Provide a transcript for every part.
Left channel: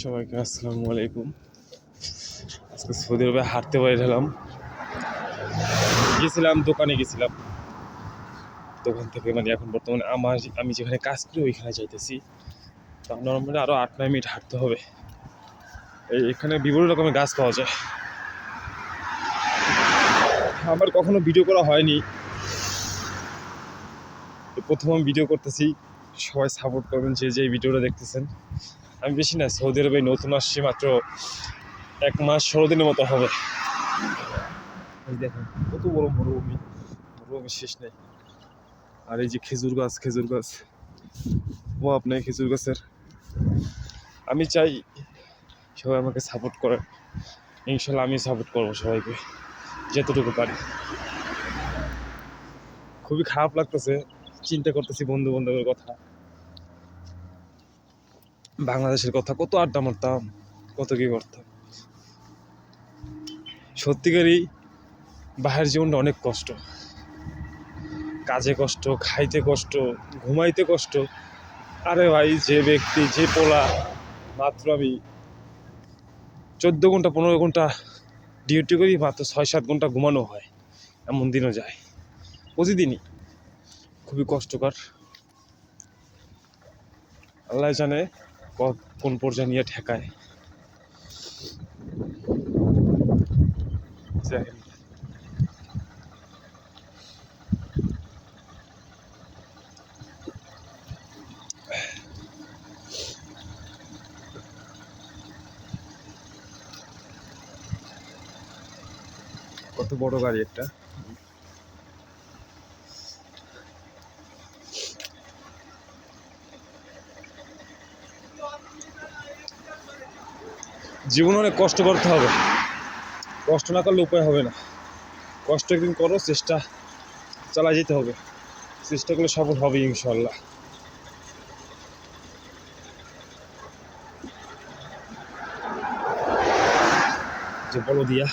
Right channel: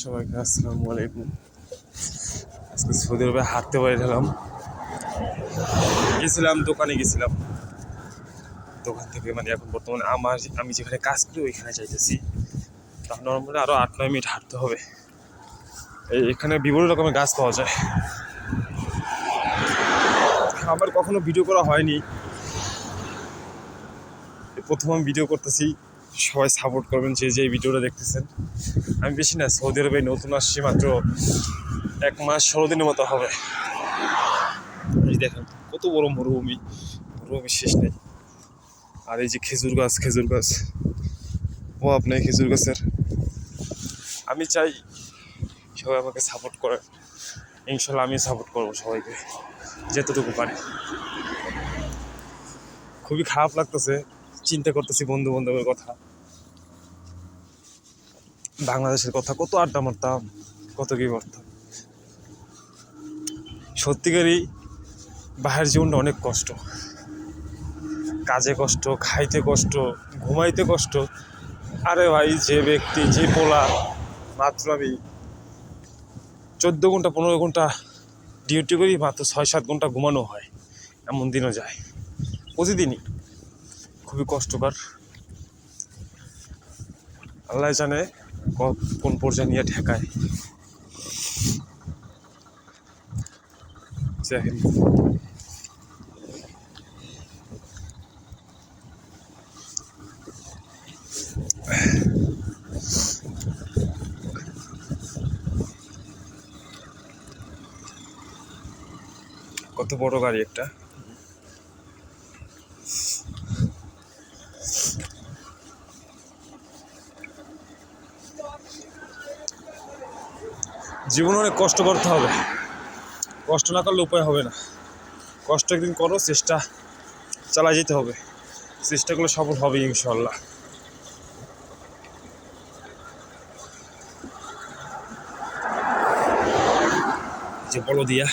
সবাইকে আসসালামু আলাইকুম। আজকে সৌদি আরবে হাঁটতে বেরোলাম। দোকানে গেছিলাম। দোকান থেকে এখন বর্তমানে আমি যেখানে কাজ করি ওইখানে যাইতেছি। তা নর্মালি আরও 8-9 মিনিট হাঁটতে হবে। এখানে বিভিন্ন রকমের গাছ পাওয়া যায়। আমার কখনো ভিডিও করা হয়নি, প্রথম আমি ভিডিও করতেছি। সবাই সাপোর্ট করবেন যে ভিডিওটা দেখতেছেন। আমি বেশি না, সৌদি আরবে নতুন আসছি, মাত্র 1 মাস 16 দিনের মতো হবে। এই দেখেন কত বড় মরুভূমি, মরুভূমি শেষ নেই। আর এই যে খেজুর গাছ ও আপনার খেজুর গাছের। আমি চাই সবাই আমাকে সাপোর্ট করে। ইনশাল্লাহ আমি সাপোর্ট করবো সবাইকে যতটুকু পারি। খুবই খারাপ লাগতেছে, চিন্তা করতেছি বন্ধু বান্ধবের কথা, বাংলাদেশের কথা, কত আড্ডা মারতাম, কত কি করতাম। সত্যিকারই বাহির জীবনটা অনেক কষ্ট, কাজে কষ্ট, খাইতে কষ্ট, ঘুমাইতে কষ্ট। আরে ভাই, যে পোলা মাত্র আমি 14 ঘন্টা 15 ঘন্টা ডিউটি করি, মাত্র 6-7 ঘন্টা ঘুমানো হয়, এমন দিনও যায় প্রতিদিনই। খুবই কষ্টকর। আল্লাহ জানে কোন পর্যায়ে নিয়ে ঠেকায়। কত বড় গাড়ি একটা। জীবনে অনেক কষ্ট করতে হবে, কষ্ট না করলে উপায় হবে না। কষ্ট একদিন করো, চেষ্টা চালা যেতে হবে, চেষ্টা করলে সফল হবে ইনশাল্লাহ। যে বলো দিয়া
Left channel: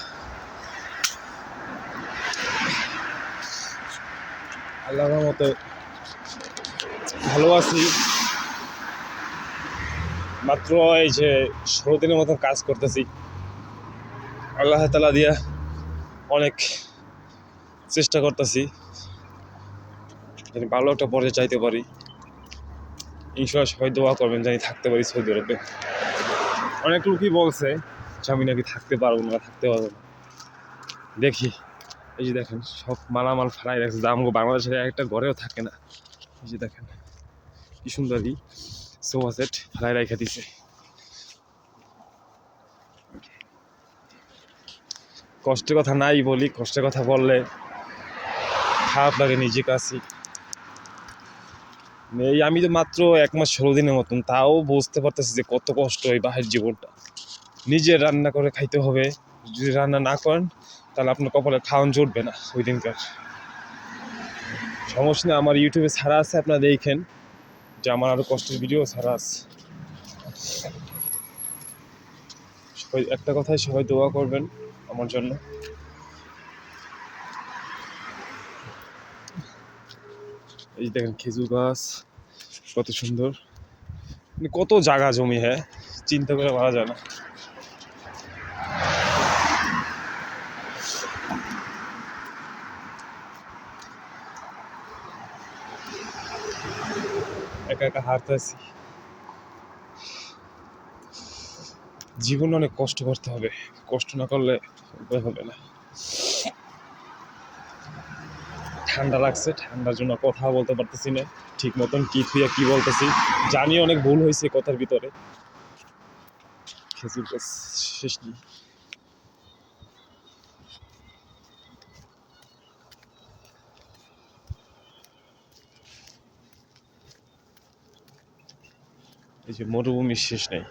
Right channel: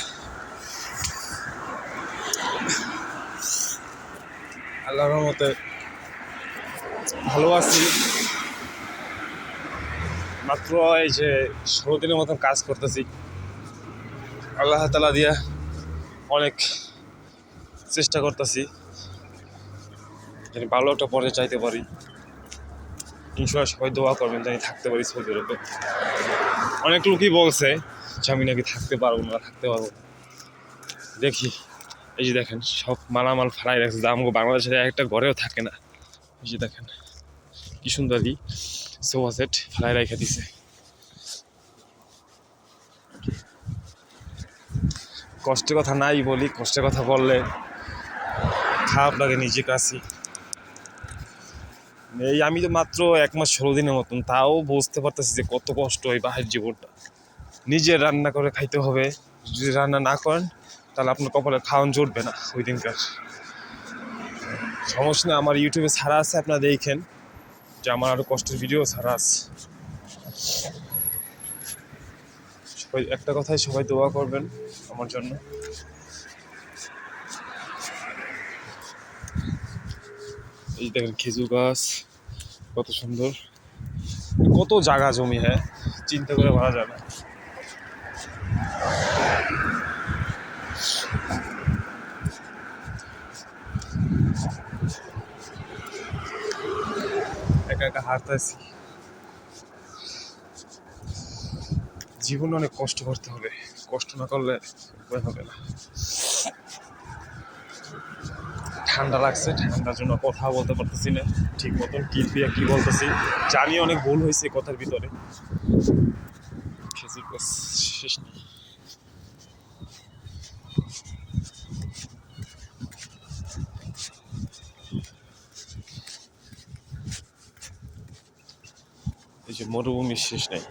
আল্লাহর রহমতে ভালো আছি। মাত্র এই যে 16 দিনের মতন কাজ করতেছি। আল্লাহ তাআলা দিয়া অনেক চেষ্টা করতেছি যেন ভালো একটা পর্যায়ে চাইতে পারি। ইনশাল্লাহ সবাই দোয়া করবেন জানি থাকতে পারি সৌদি আরবে। অনেক লোকই বলছে যে আমি নাকি থাকতে পারবো না, থাকতে পারবো না। দেখি, এই যে দেখেন সব মালামাল ফালাই রাখছে, আমগো বাংলাদেশের একটা ঘরেও থাকে না। এই যে দেখেন কি সুন্দরই সোফা সেট ফালাই রেখে দিছে। কষ্টের কথা নাই বলি, কষ্টের কথা বললে খারাপ লাগে নিজে কাছে। এই আমি তো মাত্র 1 মাস 16 দিনের মতন, তাও বুঝতে পারতেছি যে কত কষ্ট এই বাহির জীবনটা। নিজে রান্না করে খাইতে হবে, যদি রান্না না করেন তাহলে আপনার কপালে খাওয়ান জুটবে না ওই দিনকার। সমস্যা না, আমার ইউটিউবে ছাড়া আছে, আপনারা দেখেন যে আমার আরও কষ্টের ভিডিও ছাড়া আছে। সবাই একটা কথাই, সবাই দোয়া করবেন আমার জন্য। এই দেখেন খেজুর গাছ কত সুন্দর, কত জায়গা জমি, হ্যাঁ চিন্তা করে পারা যায় না। একা একা হাঁটতেছি। জীবনে অনেক কষ্ট করতে হবে, কষ্ট না করলে উপায় হবে না। ঠান্ডা লাগছে, ঠান্ডার জন্য কথা বলতে পারতেছি না ঠিক মতন, কি বলতেছি জানি, অনেক ভুল হয়েছে কথার ভিতরে। খেজুর গাছ শেষ নেই। এই যে মরুভূমির শেষ নেই।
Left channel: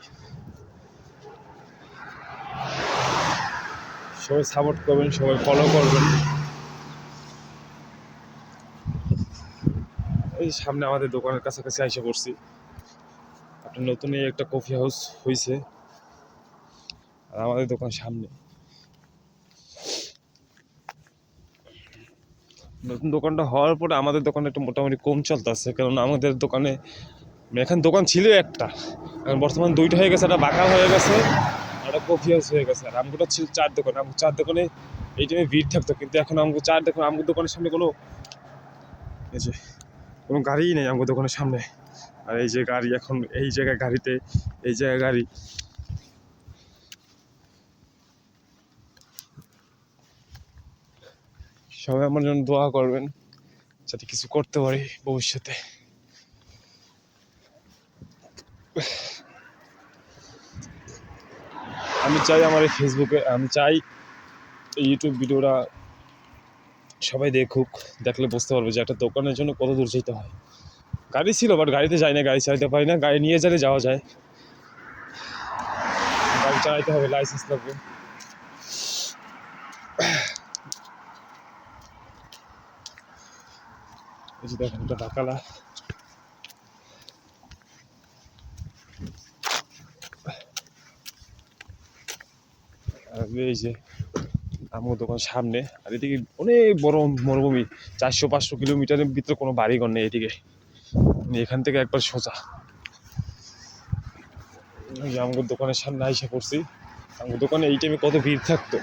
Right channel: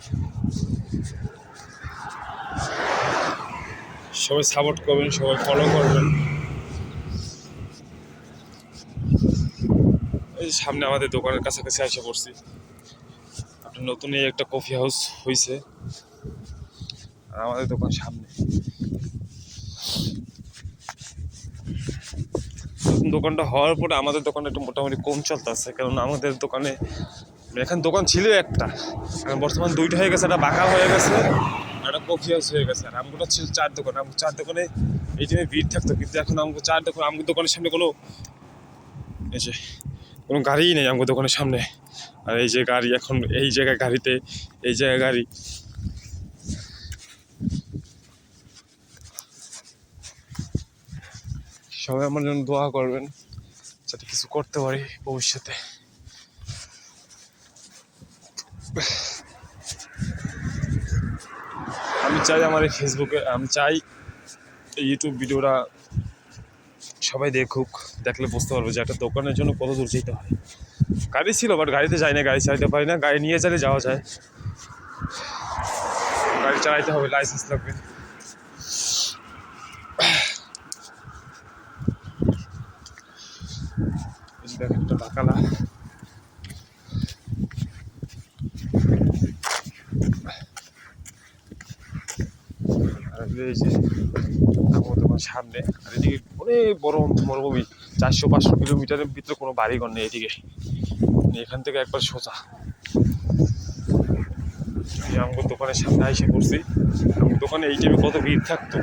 সবাই সাপোর্ট করবেন, সবাই ফলো করবেন। এই সামনে আমাদের দোকানের কাছাকাছি এসে পড়ছি। আপনার নতুন এই একটা কফি হাউস হয়েছে আর আমাদের দোকান সামনে। নতুন দোকানটা হওয়ার পরে আমাদের দোকানে একটু মোটামুটি কম চলতেছে, কারণ আমাদের দোকানে এখানে দোকান ছিল একটা, এখন বর্তমান দুইটা হয়ে গেছে, একটা বাকার হয়ে গেছে, একটা কফি হাউস হয়ে গেছে। আর আমগুলো ছিল 4 দোকান, আমি 4 দোকানে এই জন্য ভিড় থাকতো। কিন্তু এখন আমাকে 4 দোকান, আমার দোকানের সামনে কোনো এই যে কোনো গাড়িই নেই আমার দোকানের সামনে। আর এই যে গাড়ি, এখন এই জায়গায় গাড়িতে, এই জায়গায় গাড়ি। সবাই আমার জন্য দোয়া করবেন যাতে কিছু করতে পারি ভবিষ্যতে। আমি চাই আমার এই ফেসবুকে, আমি চাই এই ইউটিউব ভিডিওটা সবাই দেখুক, দেখলে বুঝতে পারবো যে একটা দোকানের জন্য কত দূর যেতে হয়। গাড়ি ছিল, বাট গাড়িতে যাই না, গাড়ি চালাতে পারি না। গাড়ি নিয়ে গেলে যাওয়া যায়, গাড়ি চালাইতে হবে, লাইসেন্স লাগবে। এই যে দেখেন একটা বাকালা, আর এই যে আমার দোকান সামনে। আর এদিকে অনেক বড় মরুভূমি, 400-500 কিলোমিটারের ভিতরে কোনো বাড়িঘর নেই এদিকে। এখান থেকে একবার সোজা আমার দোকানের সামনে আইসা করছি। আমার দোকানে এই টাইমে কত ভিড় থাকতো,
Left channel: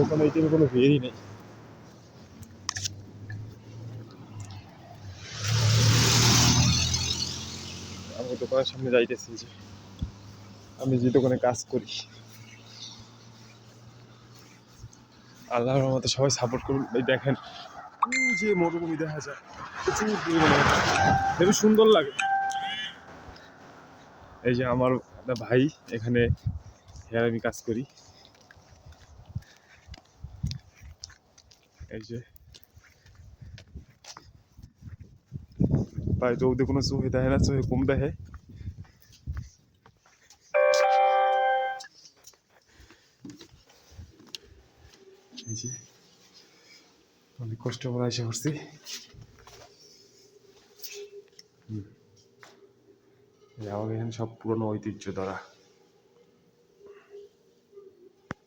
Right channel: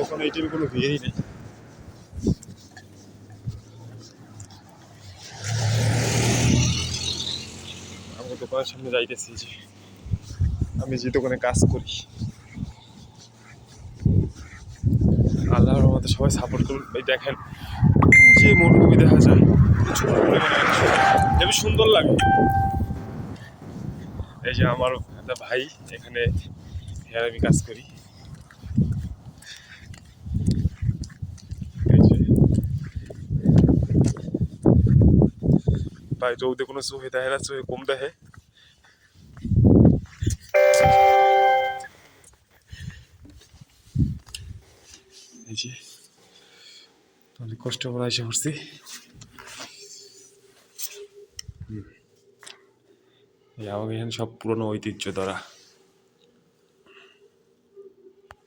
দোকানে এই টাইমে কোনো ভিড়ই নেই। আমার দোকানের সামনে যাইতেছি, যে আমি যে দোকানে কাজ করি। আল্লাহর রহমতে সবাই সাপোর্ট করুন। এই দেখেন যে মরুভূমি দেখা যায়, প্রচুর পরিমাণে, খুবই সুন্দর লাগে। এই যে আমার একটা ভাই এখানে, হেয়ার আমি কাজ করি। এই যে ভাই রৌদে কোনো চোখে দেখে না, চোখে কম দেখে। এই যে অনেক কষ্ট করে এসে পড়ছি। এই আমাকে এখানে সব পুরনো ঐতিহ্য ধরা।